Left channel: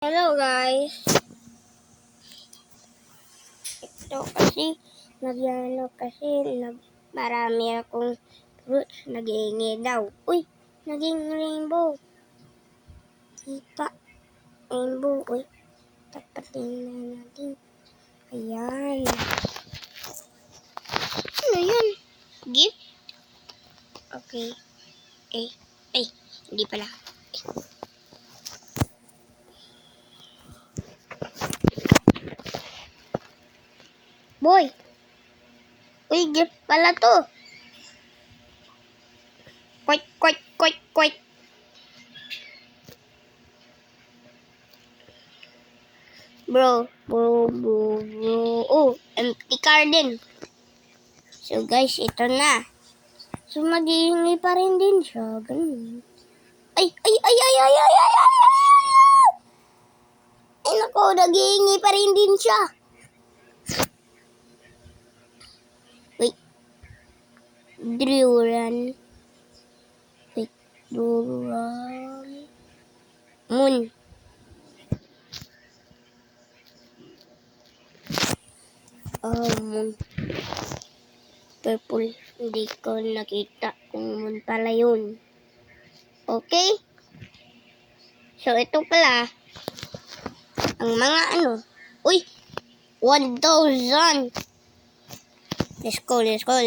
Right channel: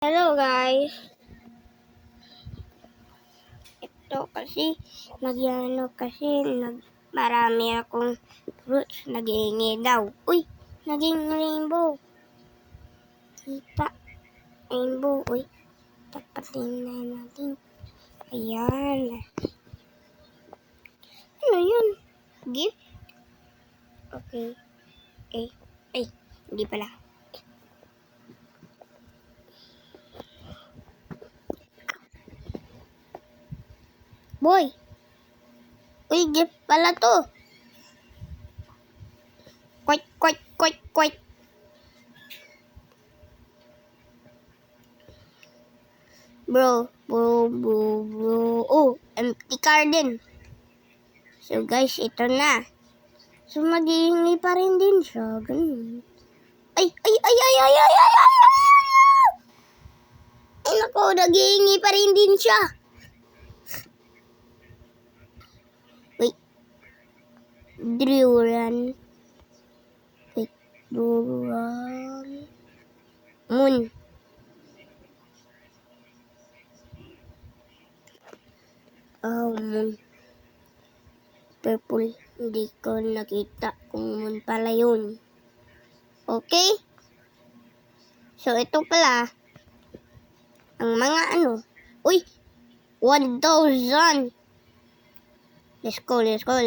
Hello guys. Ito kasi marami akong fruits, nag-iingi daw. Uy, naging rainbow. Kita, rainbow. Uy, tapatin na natin. Ayan. Ano yun? Gift? Okay. Hindi pala. Boy! Uy, gift pala to. Kwek. Bro. Oh, empty card din. So guys, ito na. So maghihingi pa rin din siya. Ganun. Ay, naku, naghihingi pa rin din siya. Wait. Duran. Moon. Moon. Purple. Hindi ko nakita kung moon pala yun. Okay? So, ito pala. Ang mga Uy! 1,000! Let's go. Let's go!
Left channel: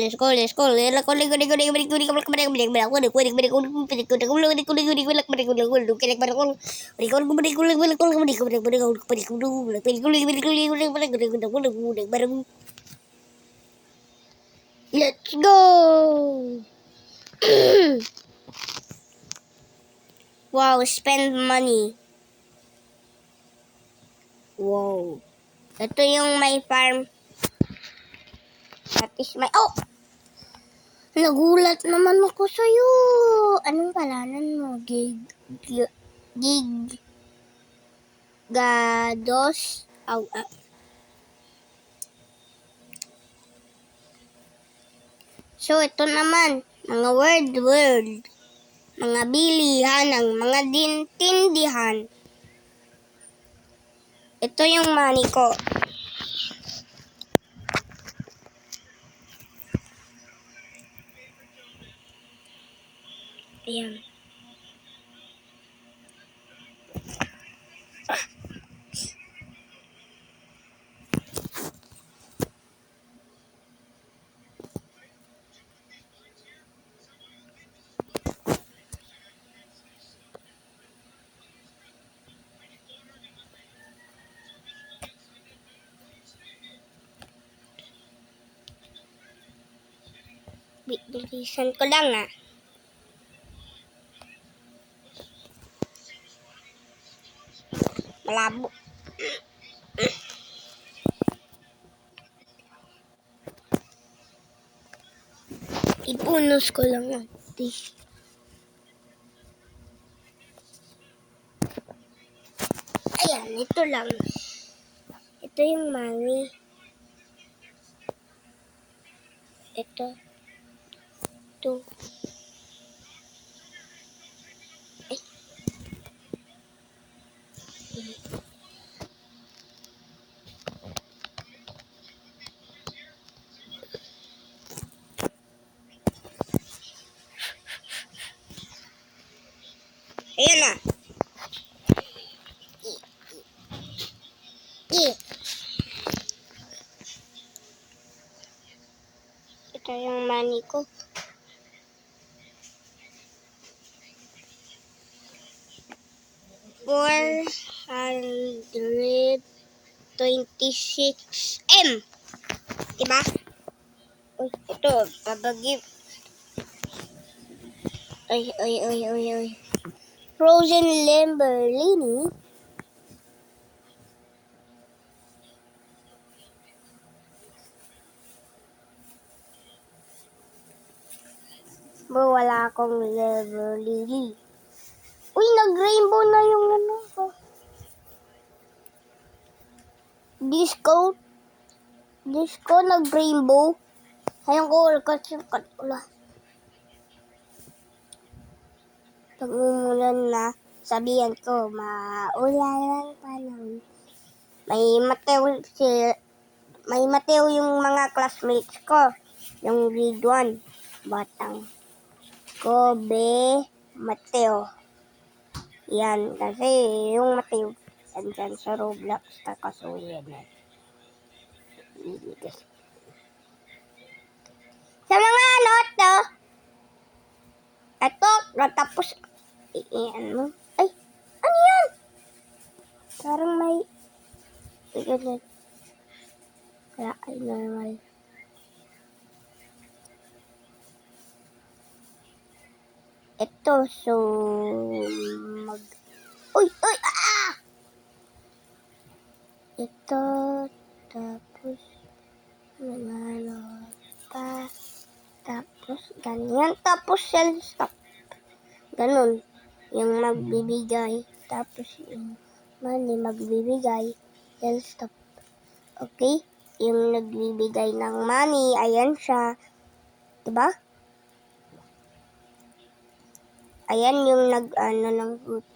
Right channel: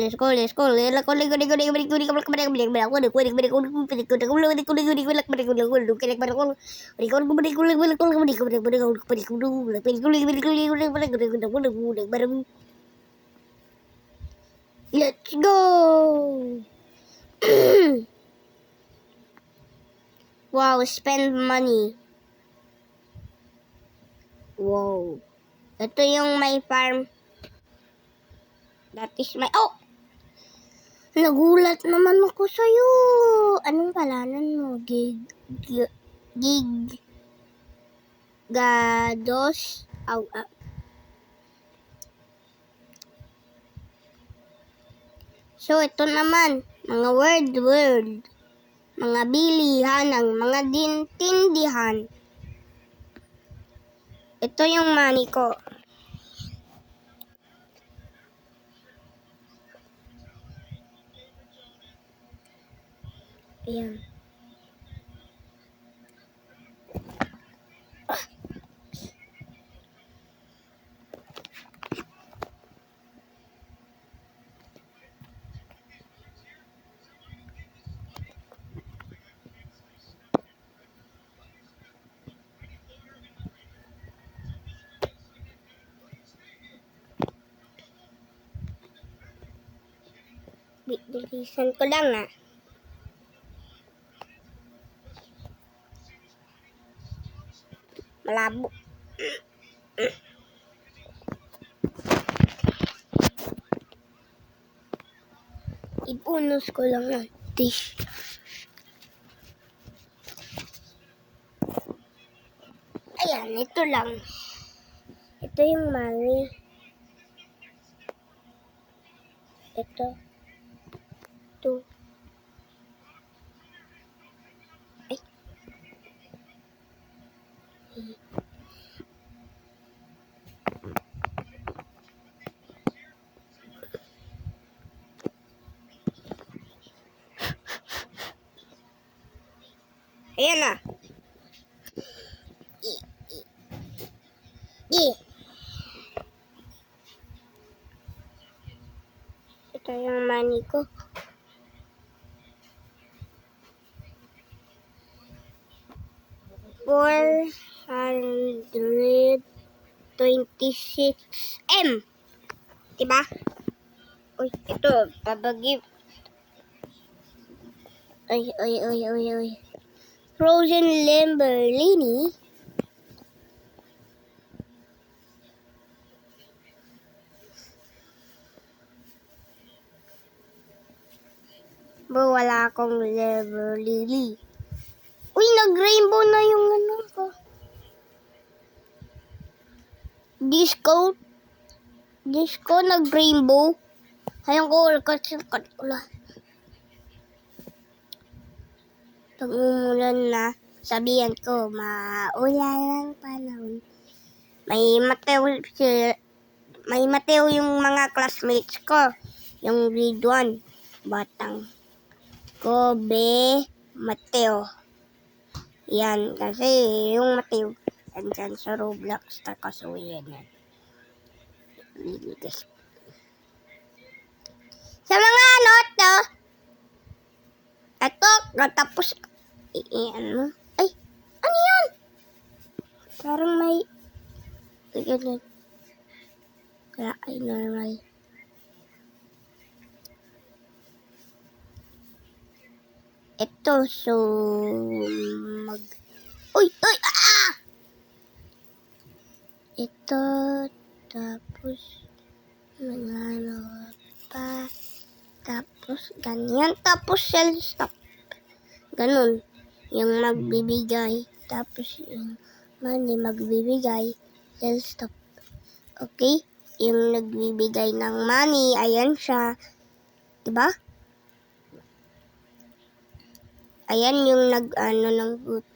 Wow, spend money. Wow. Ito yung my farm. That is my... Oh! Nagulat naman ako sa'yo. Anong palanan mo? Gados. So, ito naman. Mga word. Mga bilihan ng mga tindihan. Ito yung money ko. Ayan. Bilisan ko lang Malabo. Ipunos ko lang dish. Ayan, ito lang. Ito yung money. Ito. Ay. Ayan na. Ito yung money ko. $426M. Diba? Uy, ito. Babagip. Uy. Frozen Lamborghini. Bro, wala akong Lamborghini. Uy, nag-rainbow na yung ko. Disco nag-rainbow. Ayun ko, kasi ulan. Pag umulan na, sabihan ko, maulan ang panahon. May Mateo yung mga classmates ko. Yung grade 1. Batang Kobe Mateo. Yan, kasi yung Mateo, andyan sa Roblox, kaso yan. Sa mga to, eto, natapos, ano? Ay, ano yan? Parang may, ganun. Kaya ay normal. Ito, so, uy, ito, tapos, ano pa, tapos, ganyan, tapos, shell stop. Ganun, yung magbibigay, tapos, yung money magbibigay, shell stop. Okay? Yung nagbibigay ng money, ayan siya. Diba? Ayan yung nag-ano ng good.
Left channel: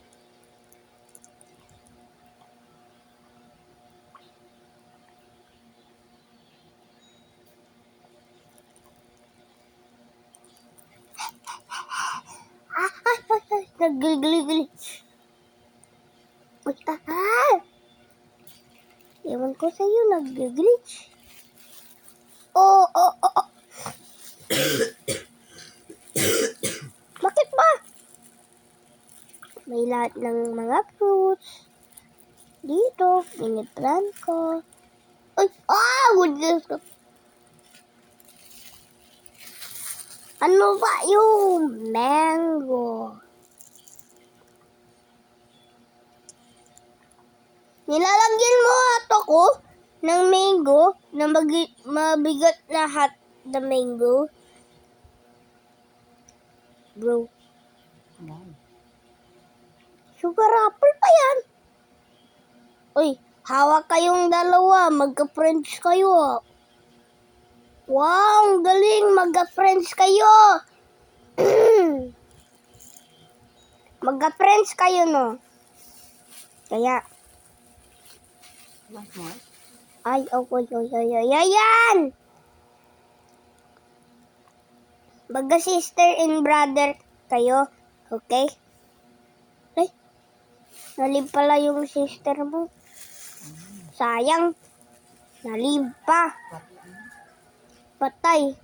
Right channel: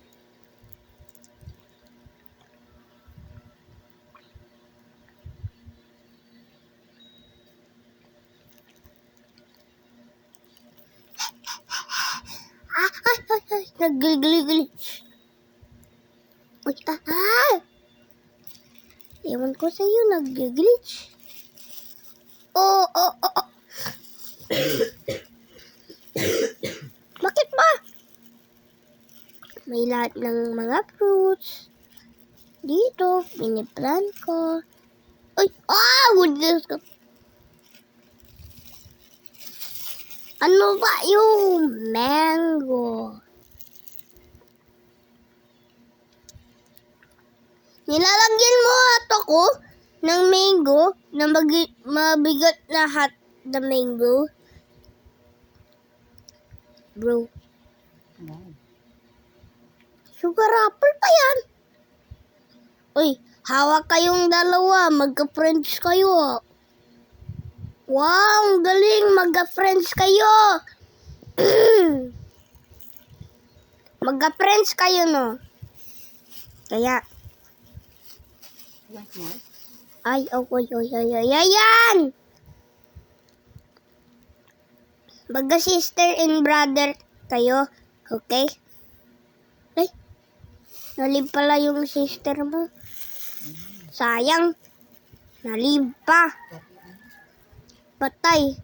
Nag-glitch. Ewan ko sa'yo, nag-glitch. Oh. Bakit ba? May lahat ng mga fruits. Dito, piniplan ko. Uy, goodness ko. Ano ba yung mango? Nilalagyan mo ato ko ng mango na mabigat na hot na mango. Bro. Sugar apple pa yan. Uy, hawak kayong dalawa. Magka-friends kayo. Wow, galing. Magka-friends kayo. Magka-friends kayo, no? Kaya. Ay, ayan. Magka-sister and brother kayo. Okay? Ay, nalib pala yung sister mo. Sayang. Nalib pa. Patay.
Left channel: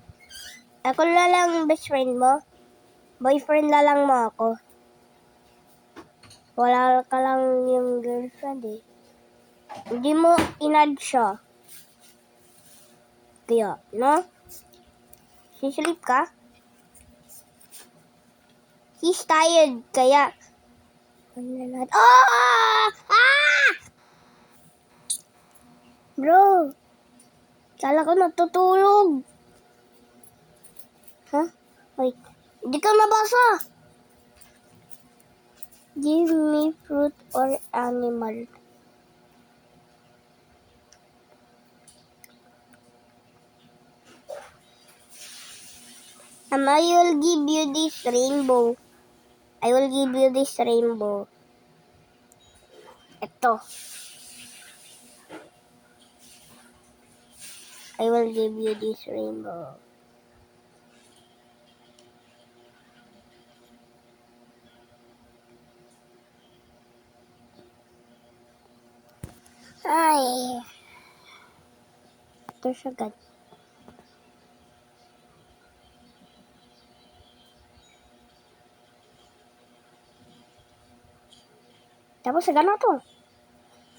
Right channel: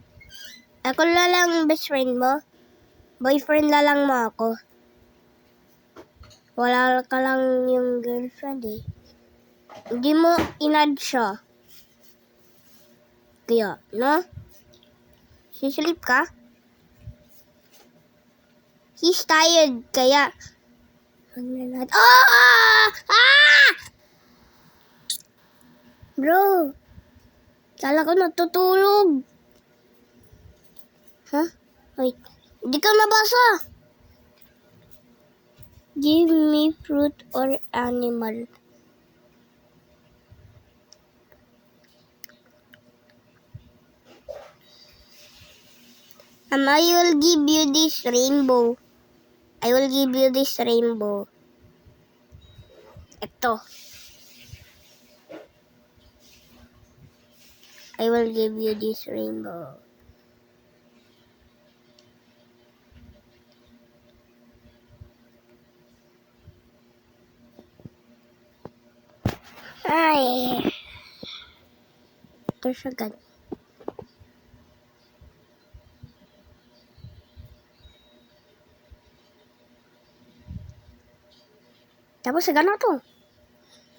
Ako na lang best friend mo. Boyfriend na lang mo ako. Wala ka lang yung girlfriend eh. Hindi mo inad siya. Kaya, no? Sisilip ka? He's tired, kaya... Bro! Kala ko natutulog. Huh? Wait. Hindi ka nabasa. Give me fruit or animal. And I will give you this rainbow. I will give you this rainbow. Ito. I will give you this rainbow. Ay. Ito siya agad. Tapos sa gano'n to.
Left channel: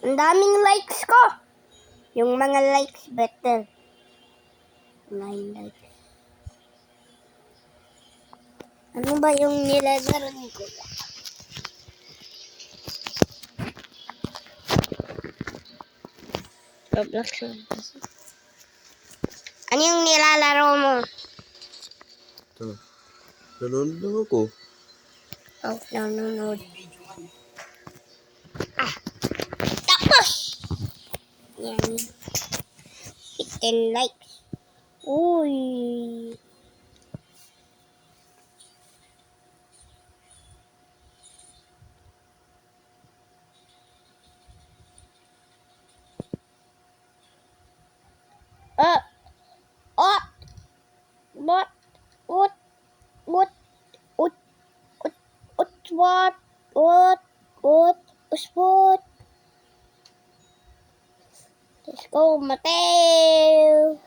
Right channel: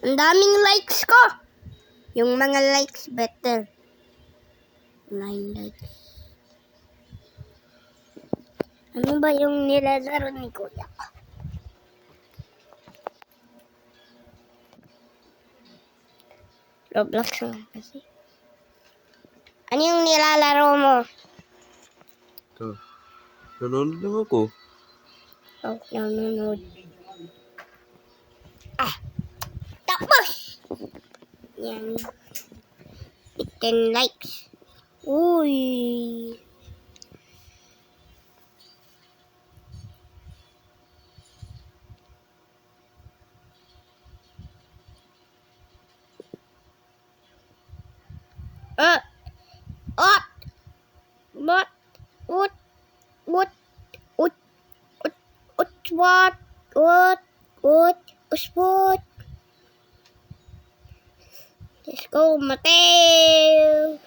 Ang daming likes ko. Yung mga likes better. 9 likes. Ano ba yung nilalaro ni Kuya? Roblox lang kasi. Ano yung nilalaro mo? Ito. Nanonood lang ako. Oh, nanonood. Tapos! Yan. 10 likes. Uy. Uh, what? What? What? What? What? What? What? What? What? What? Let's go, Mateo.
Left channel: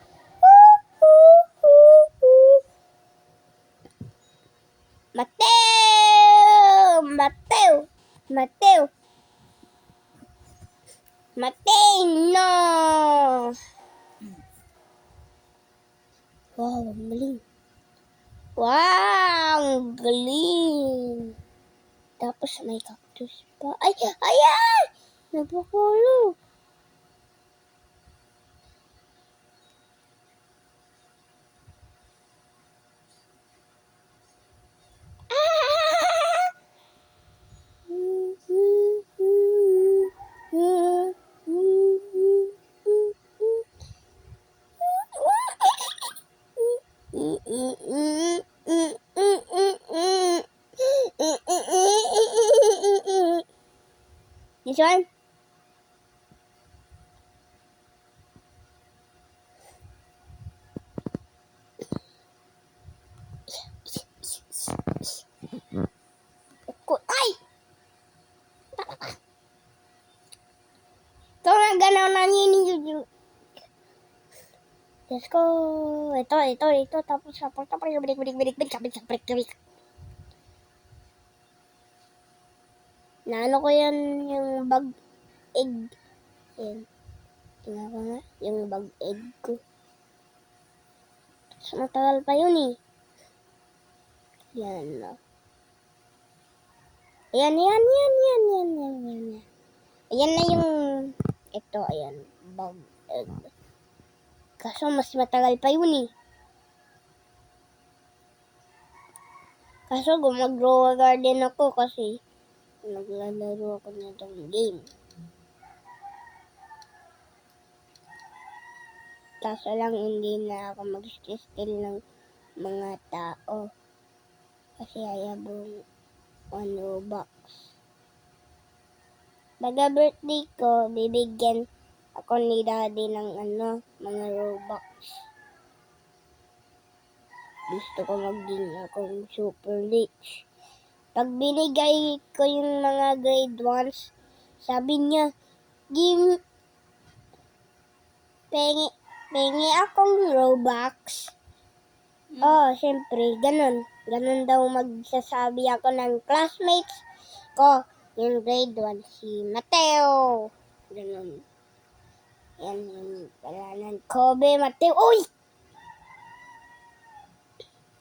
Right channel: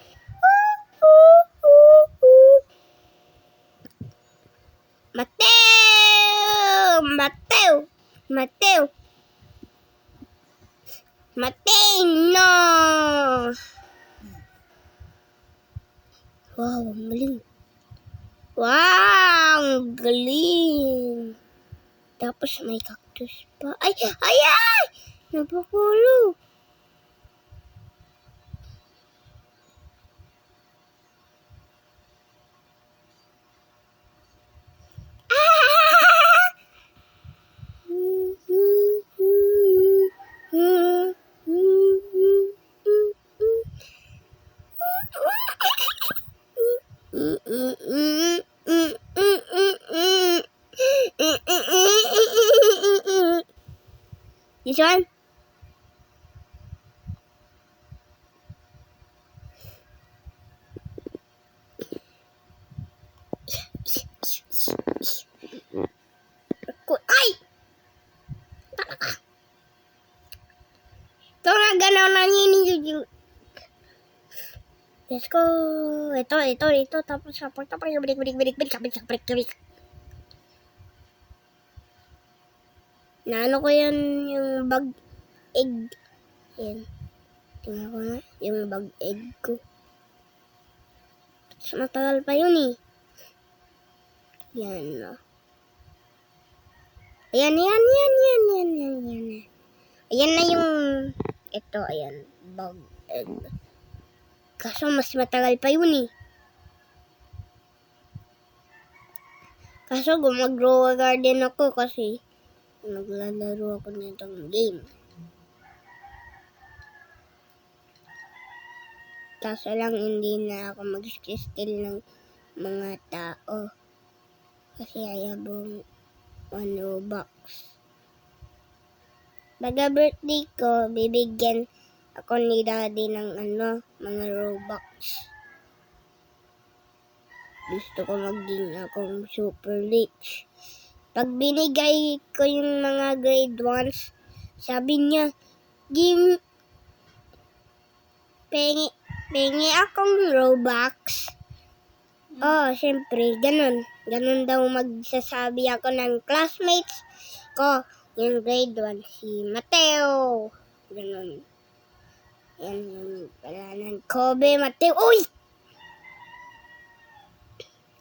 Mateo! Mateo! Mateo! Mateo! No! Wow, ang galing. Wow, ang galing. Tapos may cactus pa. Ay! Ay! Ay! Napakulo. This one? Ay! Ito na ganaw na ninyo. Let's go. Ito. Tapos support. Balik. Naano ko yan yung bag egg. Yan. Tingnan ko nga. Yung bag egg ko. Tapos matagal pa yun eh. Yan na. Ayan. Ayan na yung ito. Ayan. Bag egg. Kaso mas matagal pa yun eh. Kaso gumag-grow garden ako kasi naglalaro ako nitong game. Kaso lang hindi na ako mag-steal ng mga tao. Kasi ayabong Robux. Baga birthday ko, bibigyan ako ni daddy ng mga Robux. Gusto ko maging akong super rich. Pag binigay ko yung mga grade 1s, sabi niya, pengi akong Robux. Oh, syempre, ganun. Ganun daw magsasabi ako ng classmates ko. Yung grade 1, si Mateo. Ganun. Yan yung palanan. Kobe, Mateo. Uy!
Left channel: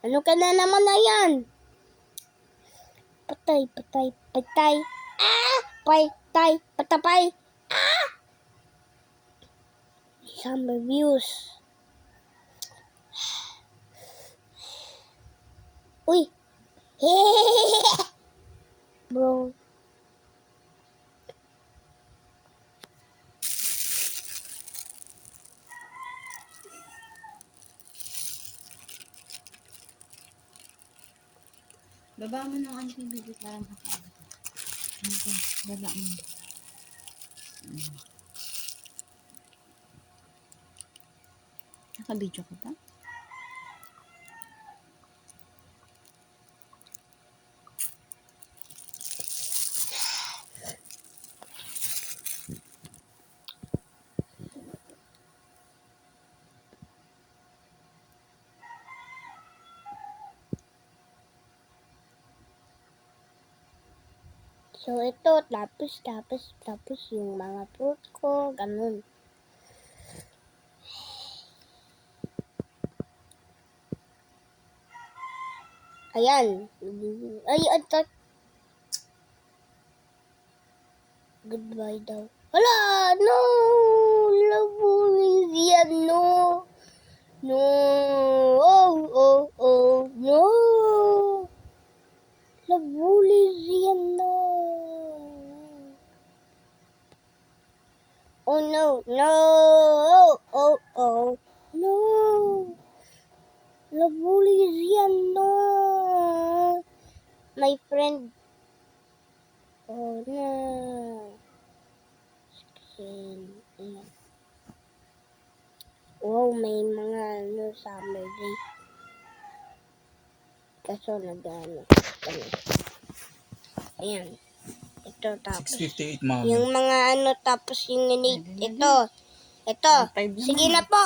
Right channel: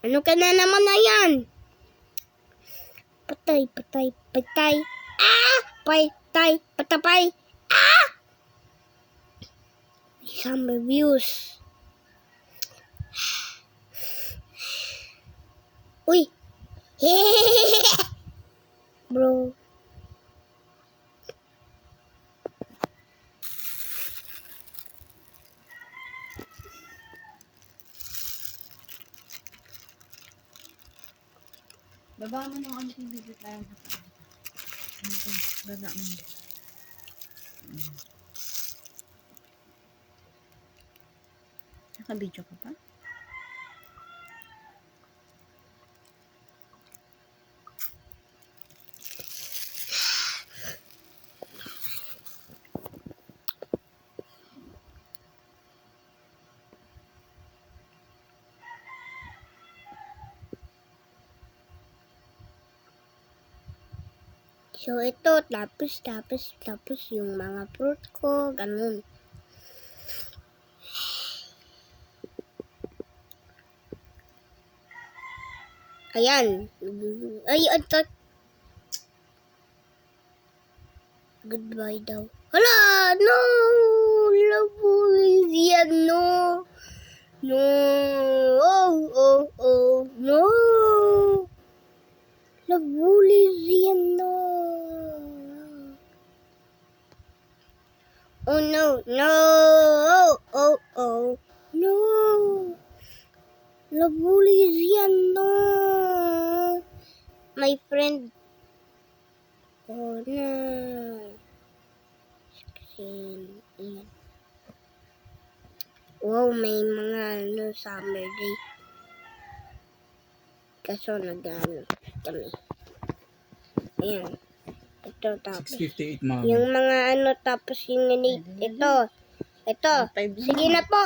Ano ka na naman na yan? Patay. Ah! Patapay. Ah! Summer views. Uy! Bro. Baba mo ng anting video para makaano. Ito, baba mo. Naka-video ka pa? So, ito, tapos yung mga fruit ko, ganun. Ayan. Ay, ito. Goodbye daw. Hala! No! Labulis yan, no! No! Oh, no! Labulis yan, no! Oh, no! No! Labulis yan, no! My friend. Oh, no! Ayan. Wow, may mga summer day. Kaso nag-ano kami. Ayan. Ito tapos. 6:58, mami. Yung mga tapos yung ito. Ito. Five naman. Sige na po.